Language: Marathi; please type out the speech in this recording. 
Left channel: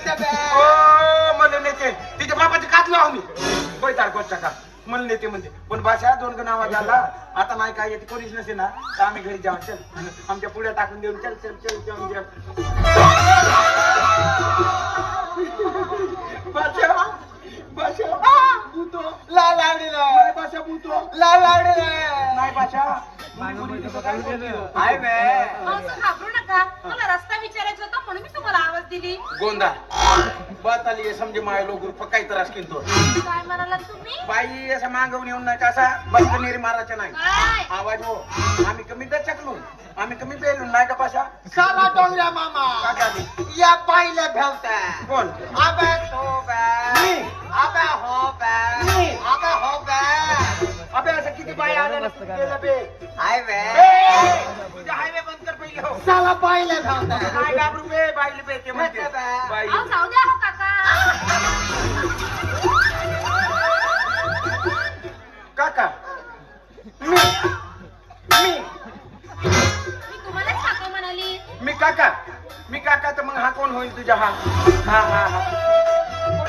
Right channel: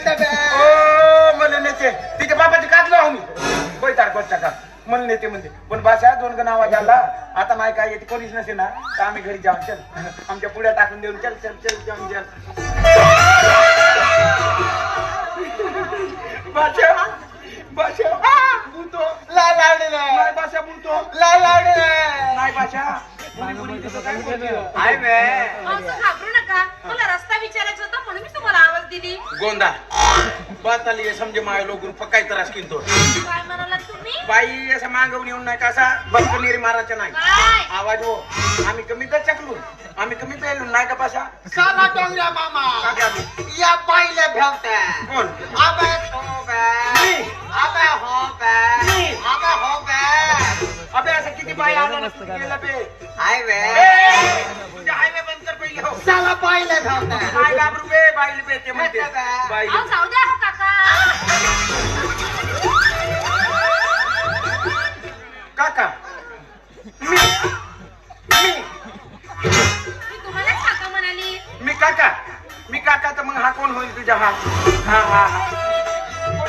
नेते बे ओ मला नेते तिच्या बापाची काढलो आम्ही बैताड करता का मला नेते म्हणते पण भाषा दोन गण आवाज आला आता नाही काय येते कोणीच नसे ना तर आम्ही घरी जाऊ चल आमच्या पुढ्या टाकून देऊन चल चल चल जाऊन चल भाषा भाषा बोलतो ला लावडी नाही भाषा बोलतो ला लावडी नाही भाषा आहे बे घाबरू नका मला रस्ता विचारायचा होता म्हणून मी तुम्हाला आवाज दिली गोंदा बात आली आहे समजे माय लोक पकाय त्रास किंतो काय म्हणाला तुम्ही बाई असं मागवून येऊन नाही कसा बंकनेरी मारायचं नाही काय आवाज हो आम्ही कमी तर चकलू आम्ही कमी पेलू नाही का पाशा सारा डोंगरा मामा या पाहिलं भेवता कोण आबा तो बे मी आबा हो बे आबा हो बे अबे असं किती बाई आलं नसतं गेलं बे आहे बे तुझ्या हायवे बंद कर पहिले हो साला पाहिलं भेवता काय घाबरू बे बाईले बे ते म्हणते बाई अहो जाऊ द्या हो काका काका मी मी मी तुम्हालाच काका म्हणाली मी काका तर मग हा कोण होईल तुझ्या हा हा हा